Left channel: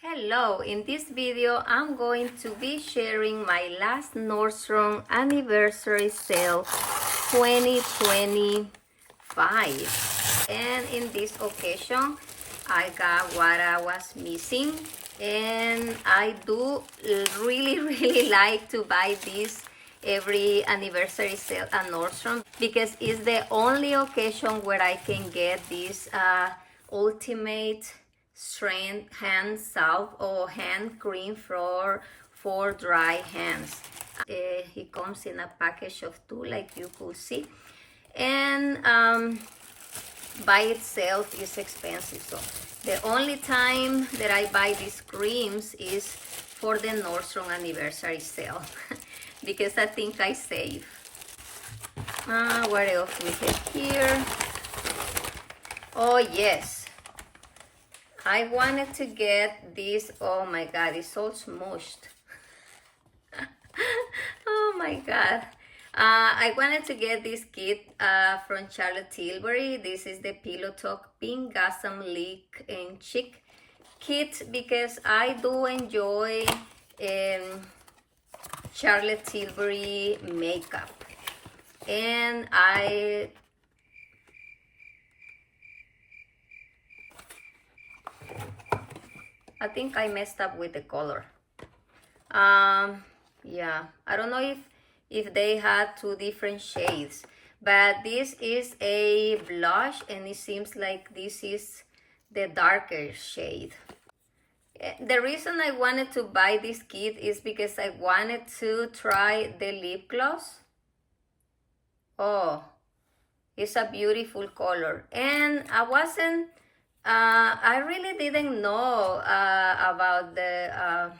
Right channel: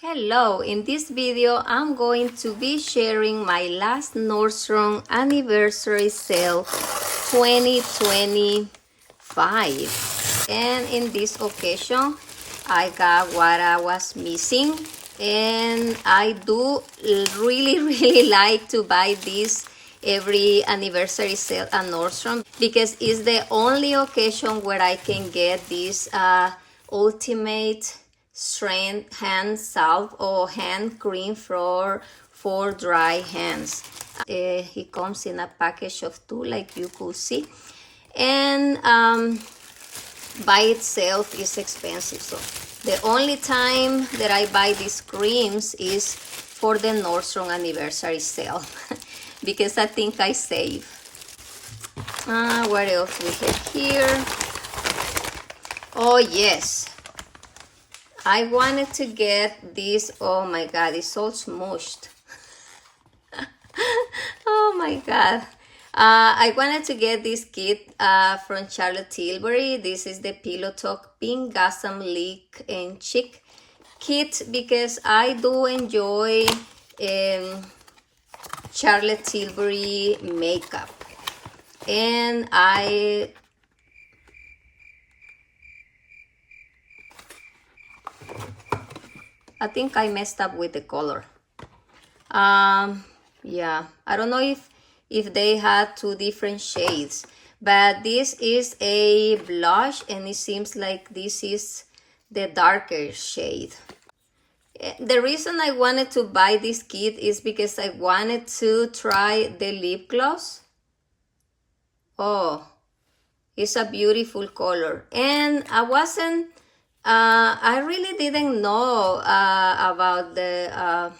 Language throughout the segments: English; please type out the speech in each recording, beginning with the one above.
Hello, in this video I'm going to be sharing my last Nordstrom Anniversary Sale 2025, and in this occasion I got what I was missing, and I do really like to buy this every anniversary sale at Nordstrom because it's the only occasion where I can get this ultimate strength hand salve or hand cream for dry hands. It comes in a package of 2, like you could see, and by itself is expensive. So the only time that I buy these creams is for the Nordstrom Anniversary Sale because I think I save. What else we have here? Oh yes, I wanted to get this. Oh my god, it's all smooshed. Oh my god. I wanted to get this kit from Charlotte Tilbury. This is the Pillow Talk Pink Gasm Leak and Chic kit because I do enjoy Charlotte Tilbury makeup, and I think I messed up with the color. Yeah, I don't know if they had 2 different shades, but this is a blush and it seems like this is the darker shade. The reason I wanted to buy this kit is because I wanted to try the lip gloss. Oh, it's a beautiful color, and I really didn't know about the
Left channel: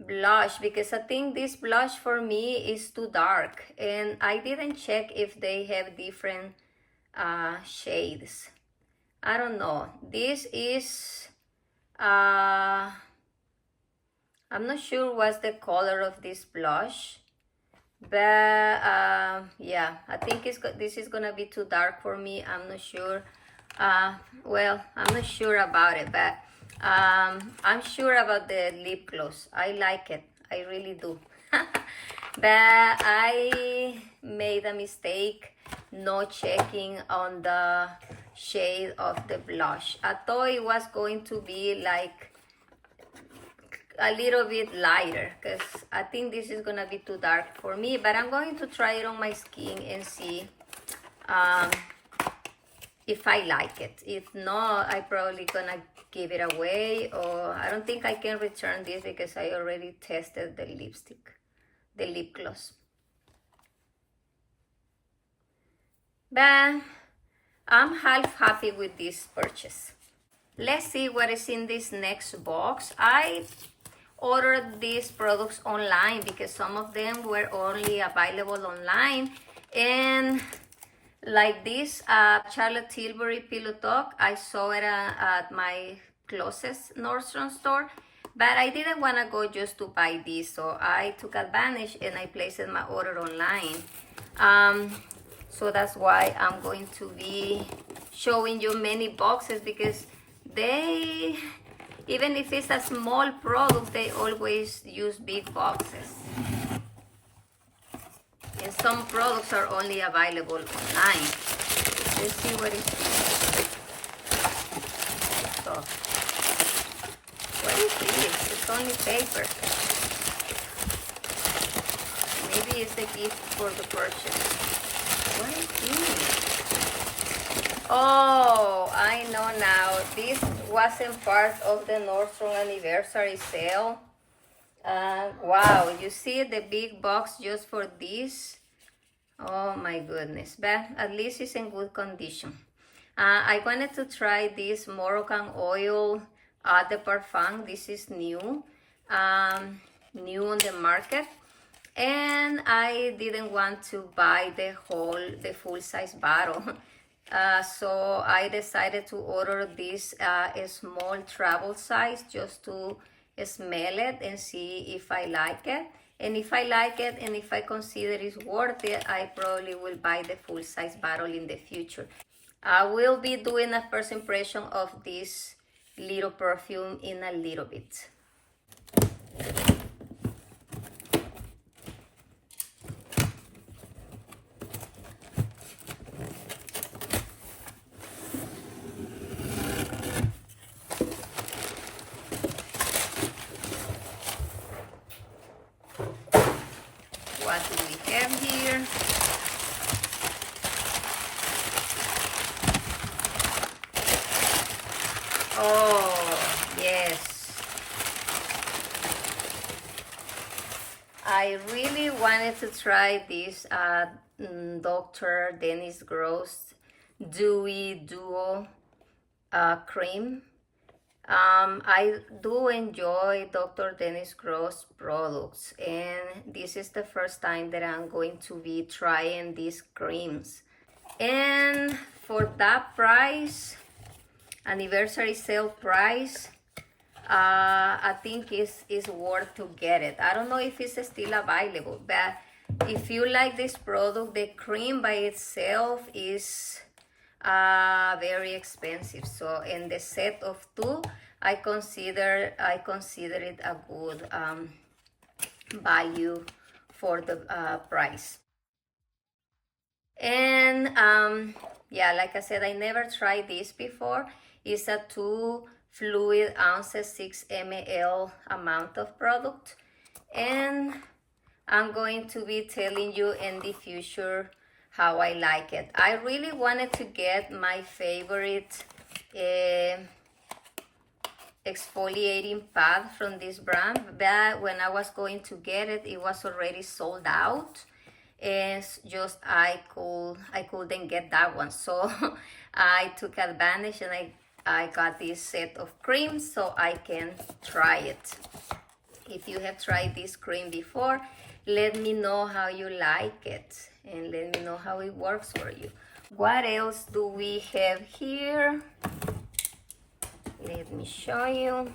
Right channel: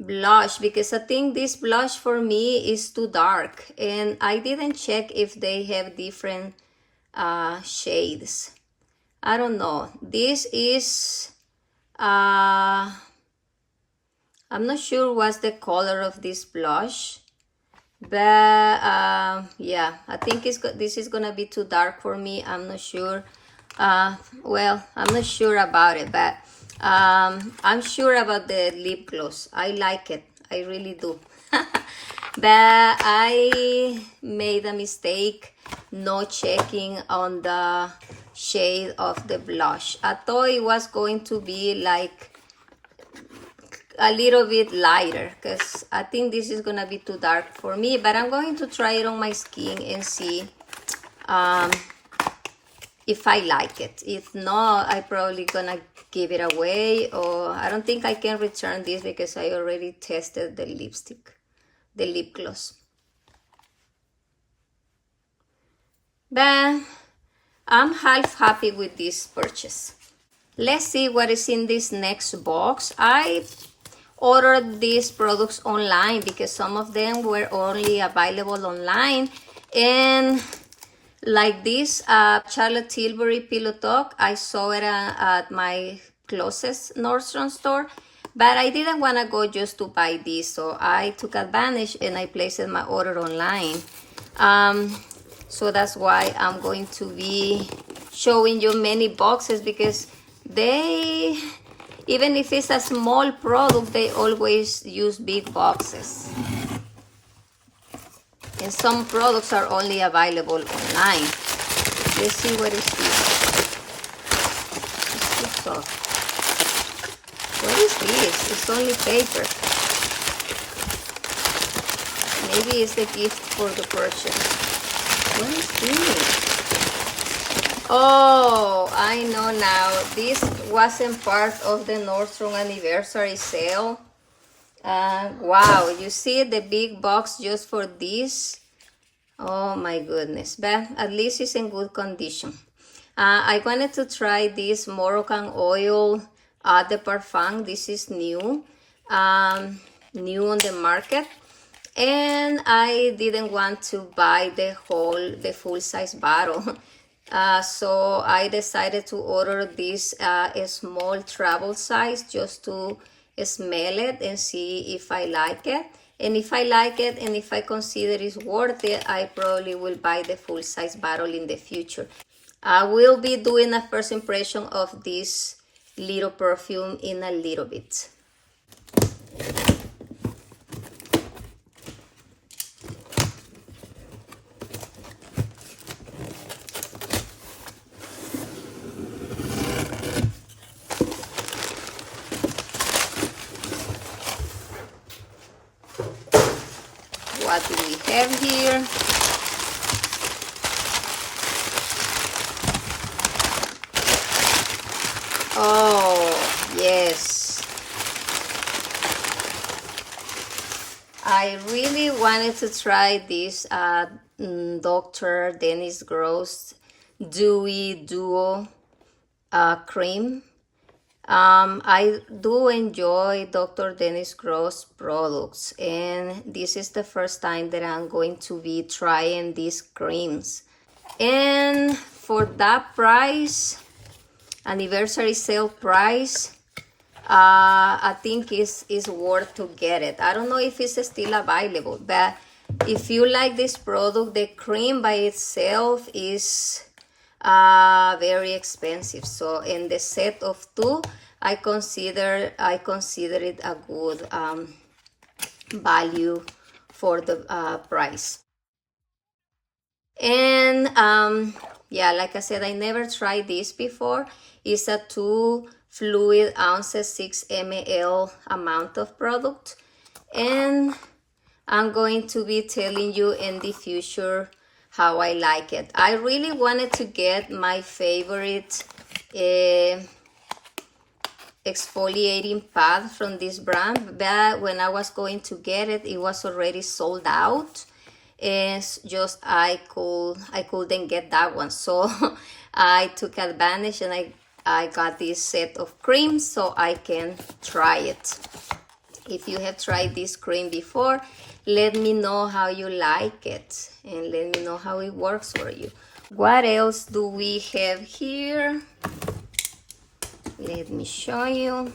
blush because I think this blush for me is too dark, and I didn't check if they have different shades. I don't know. This is I'm not sure what's the color of this blush, but yeah, I think this is gonna be too dark for me. I'm not sure. Well, I'm not sure about it, but I'm sure about the lip gloss. I like it, I really do. But I made a mistake not checking on the shade of the blush. I thought it was going to be like a little bit lighter because I think this is gonna be too dark for me, but I'm going to try it on my skin and see if I like it. If not, I probably gonna give it away, or I don't think I can return this because I already tested the lipstick, the lip gloss. But I'm half happy with this purchase. Let's see what is in this next box. I ordered these products online because some of them were only available online, and like this Charlotte Tilbury Pillow Talk, I saw it at my closest Nordstrom store, but I didn't want to go just to buy this, so I took advantage and I placed my order online. So that's why I'm going to be showing you many boxes, because they, even if it's a small product, they always use big boxes. And some products are only available online. Let's see what is this. What is this? It's only paper. Maybe it's a gift for the purchase. What is this? Oh, I know now. This wasn't part of the Nordstrom Anniversary Sale. Wow, you see the big box just for this? Oh my goodness, but at least it's in good condition. I wanted to try this Moroccan oil de parfum. This is new, new on the market, and I didn't want to buy the full-size bottle. So I decided to order this a small travel size just to smell it and see if I like it. And if I like it and if I consider it's worth it, I probably will buy the full-size bottle in the future. I will be doing a first impression of this little perfume in a little bit. What do we have here? Oh, yes. I really wanted to try this Dr. Dennis Gross Dewy Duo cream. I do enjoy Dr. Dennis Gross products, and this is the first time that I'm going to be trying these creams. And for that price, anniversary sale price, I think is worth to get it. I don't know if it's still available, but if you like this product, the cream by itself is very expensive. So in the set of two, I consider it a good value for the price. And yeah, like I said, I never tried this before. It's a 2 fluid ounces, 6 ml amount of product, and I'm going to be telling you in the future how I like it. I really wanted to get my favorite exfoliating pad from this brand, but when I was going to get it, it was already sold out. And just I couldn't get that one, so I took advantage and I got this set of creams so I can try it. If you have tried this cream before, let me know how you like it and let me know how it works for you. What else do we have here? Let me show you.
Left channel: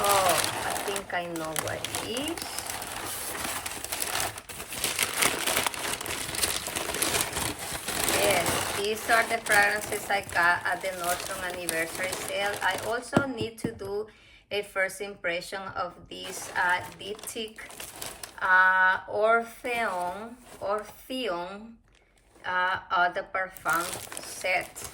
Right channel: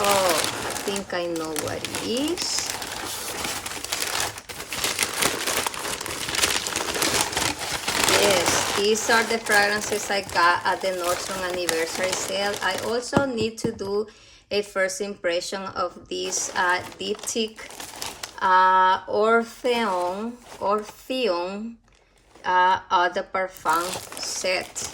Oh, I think I know what it is. Yes, these are the fragrances I got at the Nordstrom Anniversary Sale. I also need to do a first impression of this Diptyque Orpheon Eau de Parfum set.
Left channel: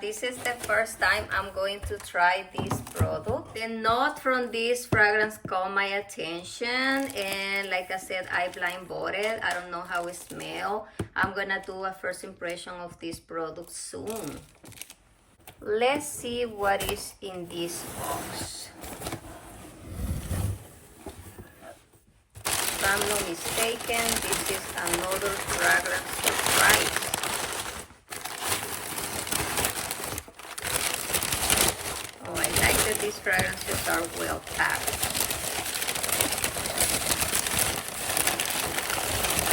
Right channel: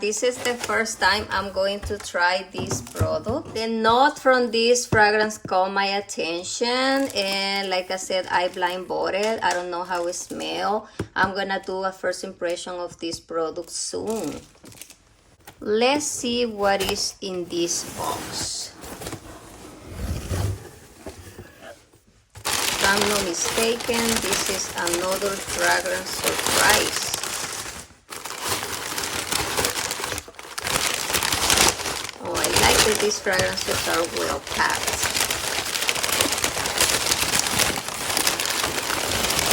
This is the first time I'm going to try this product. The note from this fragrance caught my attention, and like I said, I blind bought it. I don't know how it smells. I'm gonna do a first impression of this product soon. Let's see what is in this box. If I'm not mistaken, this is another fragrance surprise. That these fragrances are well packed.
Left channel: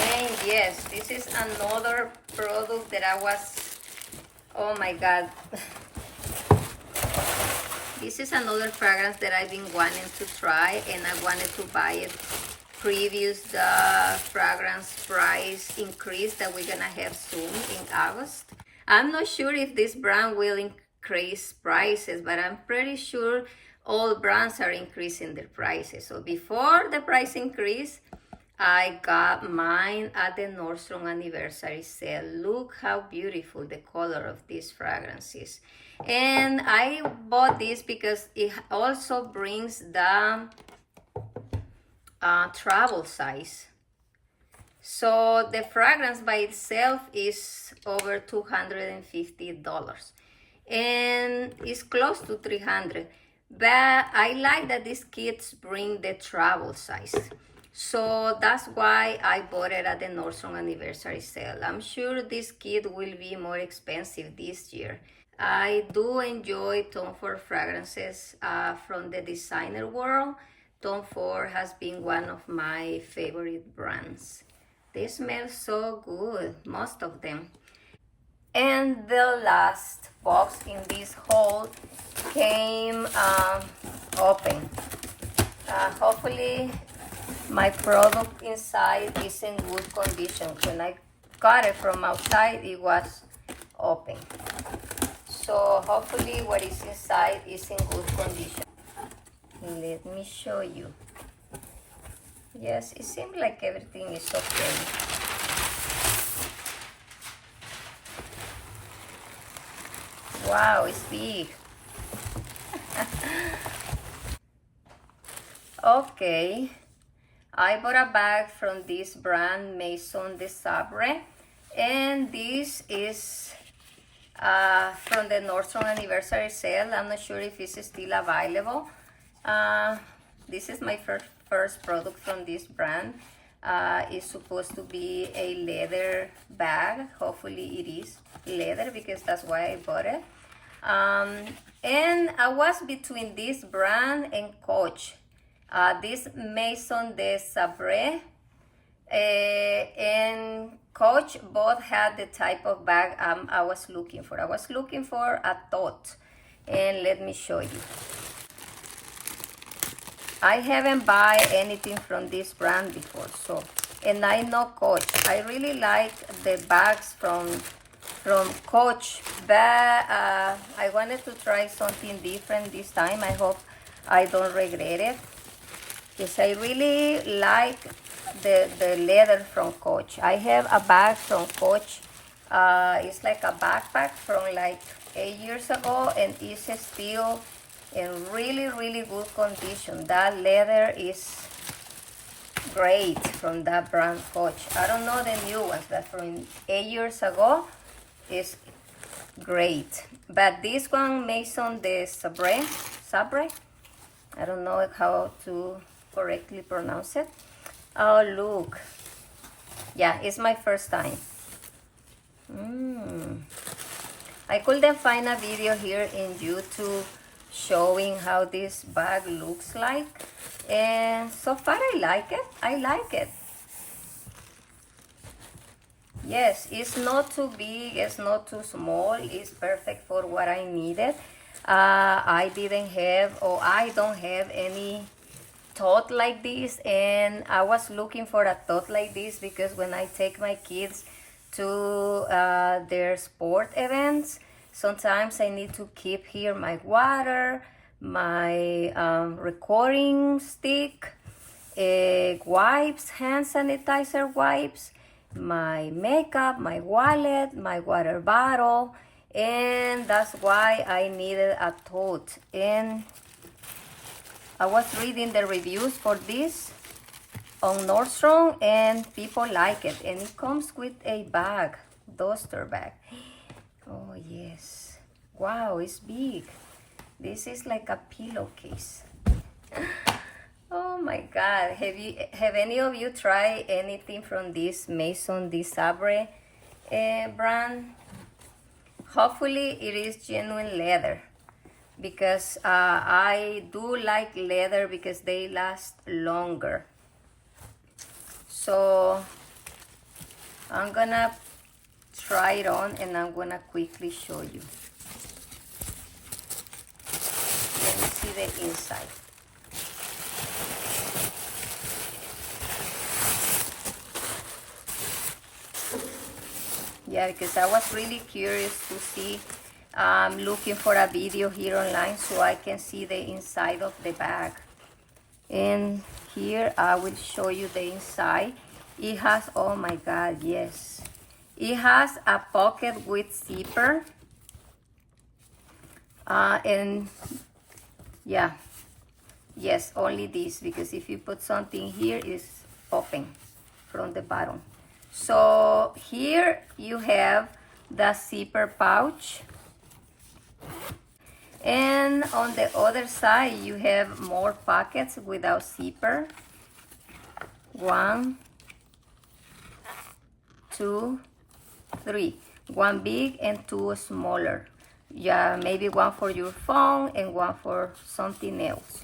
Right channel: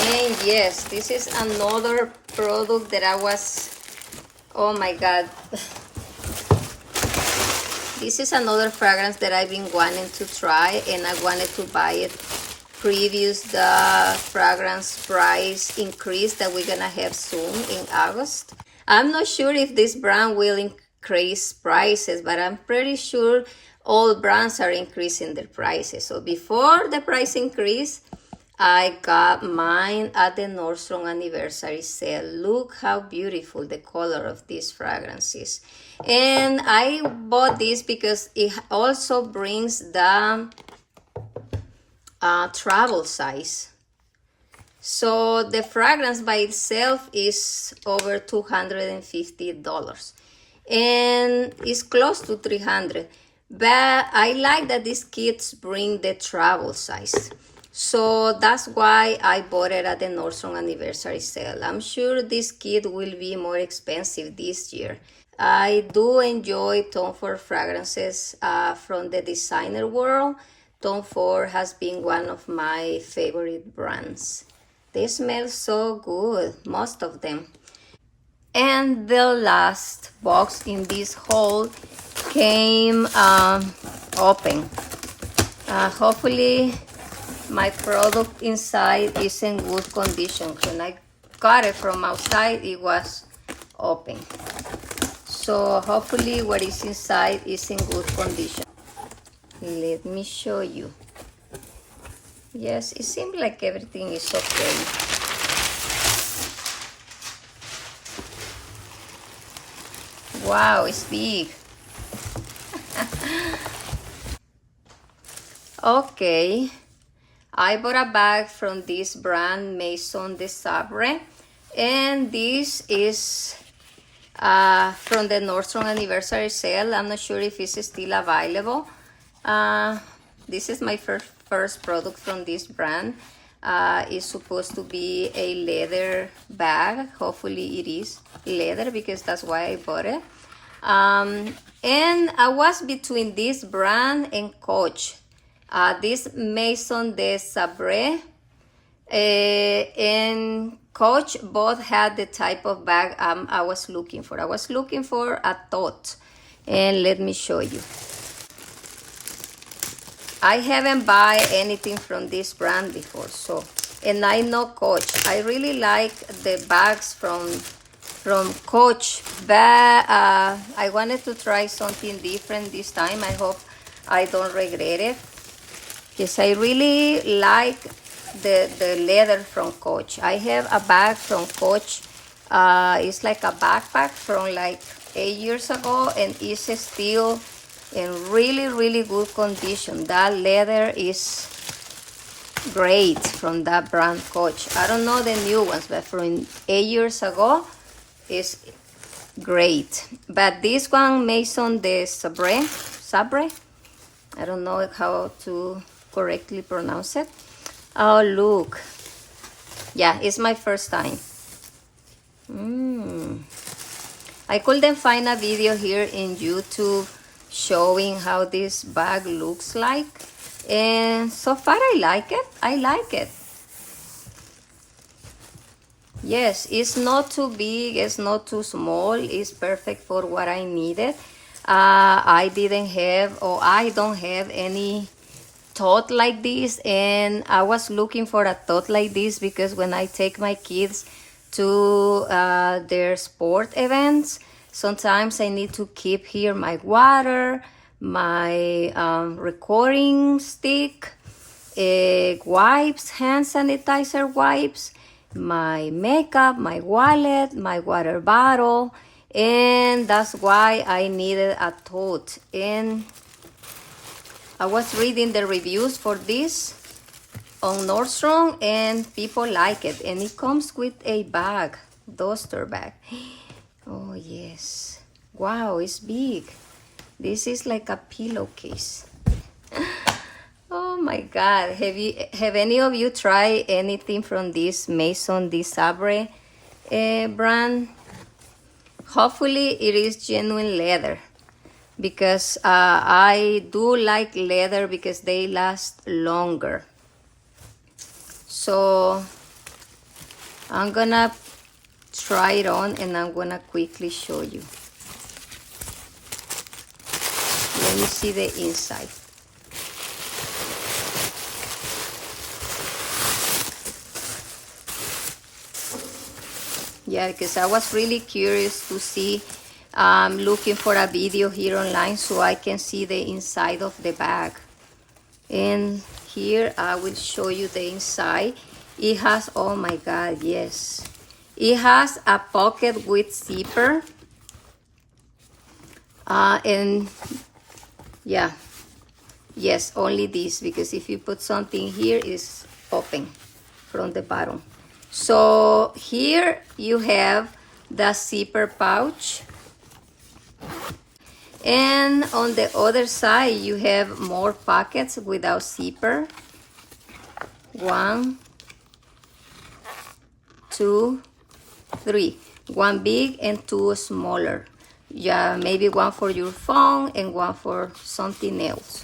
And yes, this is another product that I was, oh my god. This is another fragrance that I've been wanting to try, and I wanted to buy it previous the fragrance price increase that we're gonna have soon in August. I'm not sure if this brand will increase prices, but I'm pretty sure all brands are increasing their prices. So before the price increase, I got mine at the Nordstrom Anniversary Sale. Look how beautiful the color of these fragrances. And I bought this because it also brings the travel size. So the fragrance by itself is over $250. And it's close to 300, but I like that these kits bring the travel size, so that's why I bought it at the Nordstrom Anniversary Sale. I'm sure this kit will be more expensive this year. I do enjoy Tomford fragrances from the designer world. Tomford has been one of my favorite brands. They smell so good, most of them. And the last box in this haul came open. Hopefully my product inside is in good condition. When I got it from outside, it was open. So hopefully what is inside is in good condition. Let me show you. Yes, it seems like everything is okay. Wow, it's big. Okay, I bought a bag from this brand, Maison de Sabre, and this is from the Nordstrom Anniversary Sale. I'm not sure if it's still available. This is my first product from this brand. It's supposed to be a leather bag. Hopefully it is leather because that's why I bought it. And I was between this brand and Coach. This Maison de Sabre and Coach both had the type of bag I was looking for. I was looking for a Tote, and let me show you. I haven't bought anything from this brand before, so, and I know Coach. I really like the bags from Coach, but I wanted to try something different this time. I hope I don't regret it. Yes, I really like the leather from Coach. I have a bag from Coach. It's like a backpack from like 8 years ago, and it's still in really good condition. That leather is great from that brand Coach. I don't know the new ones, but from 8 years ago, it's great. But this one, Maison de Sabre, I don't know how to correctly pronounce it. Oh, look. Yeah, it's my first time. I couldn't find a video here in YouTube showing how this bag looks like. And so far I like it. I like it. Yes, it's not too big, it's not too small. It's perfect for what I needed. I didn't have, or I don't have any Tote like this, and I was looking for a Tote like this because when I take my kids to their sport events, sometimes I need to keep here my water, my recording stick, wipes, hand sanitizer wipes, my makeup, my wallet, my water bottle, and that's why I needed a Tote. And I was reading the reviews for this on Nordstrom, and people like it. And it comes with a bag, duster bag. Oh yes, wow, it's big. This is like a pillowcase. Oh my God, have any of you tried anything from this Maison de Sabre brand? Hopefully it is genuine leather, because I do like leather because they last longer. So I'm gonna try it on and I'm gonna quickly show you. Let me see the inside. Yeah, because I was really curious to see, looking for a video here online so I can see the inside of the bag. And here I will show you the inside. It has, oh my God, yes. It has a pocket with zipper. And yeah, yes, only this, because if you put something here, it's open from the bottom. So here you have the zipper pouch, and on the other side you have more pockets without zipper. 1, 2, 3. 1 big and 2 smaller. Yeah, maybe one for your phone and one for something else.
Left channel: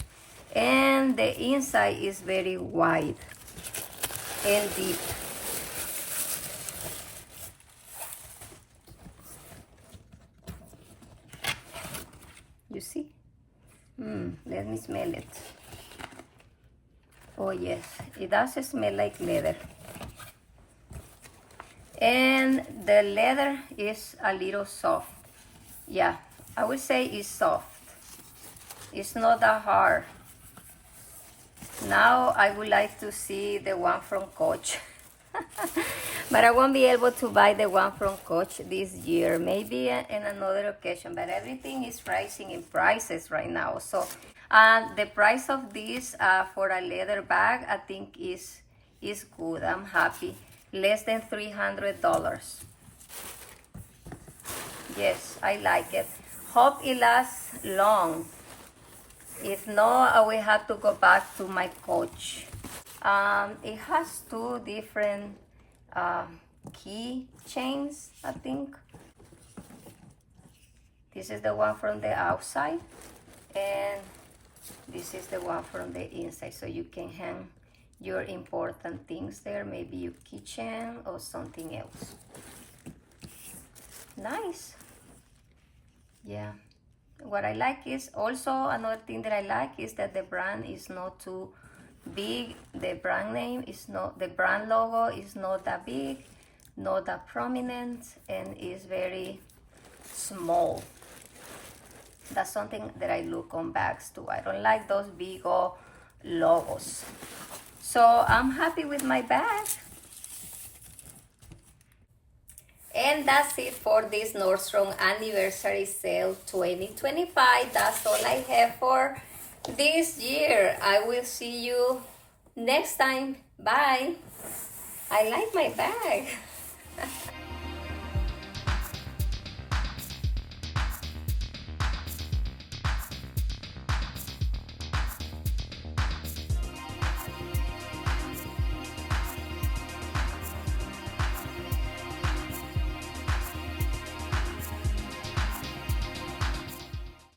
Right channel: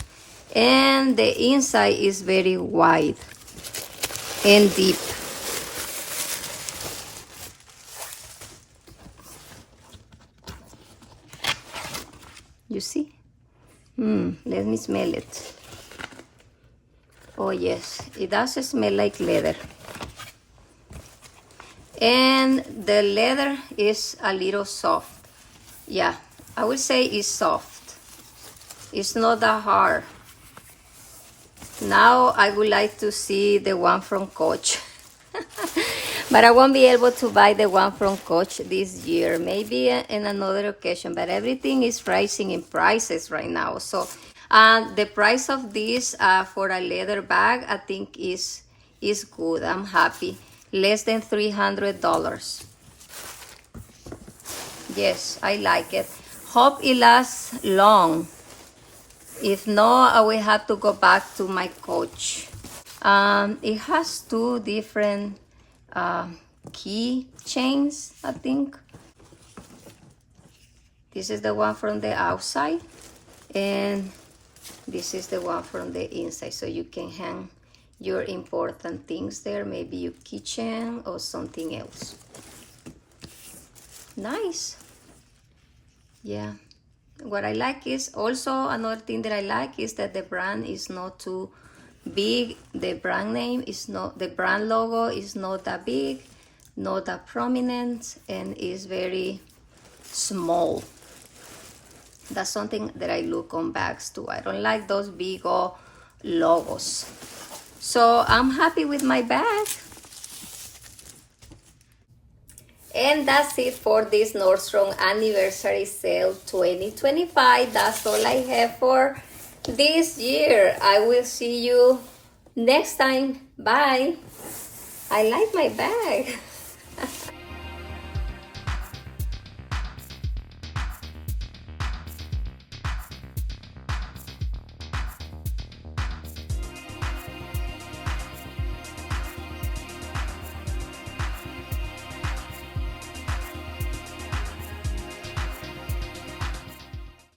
And the inside is very wide and deep. You see? Let me smell it. Oh yes, it does smell like leather. And the leather is a little soft. Yeah, I would say it's soft. It's not that hard. Now I would like to see the one from Coach. But I won't be able to buy the one from Coach this year. Maybe in another occasion. But everything is rising in prices right now. So the price of this for a leather bag, I think is good. I'm happy. Less than $300. Yes, I like it. Hope it lasts long. If not, I will have to go back to my Coach. It has two different key chains, I think. This is the one from the outside, and this is the one from the inside, so you can hang your important things there, maybe your kitchen or something else. Nice. Yeah. What I like is also another thing that I like is that the brand is not too big. The brand name is not, the brand logo is not that big, not that prominent, and is very small. That's something that I look on bags too. I don't like those big logos. So I'm happy with my bag. And that's it for this Nordstrom Anniversary Sale 2025. That's all I have for this year. I will see you next time. Bye. I like my bag.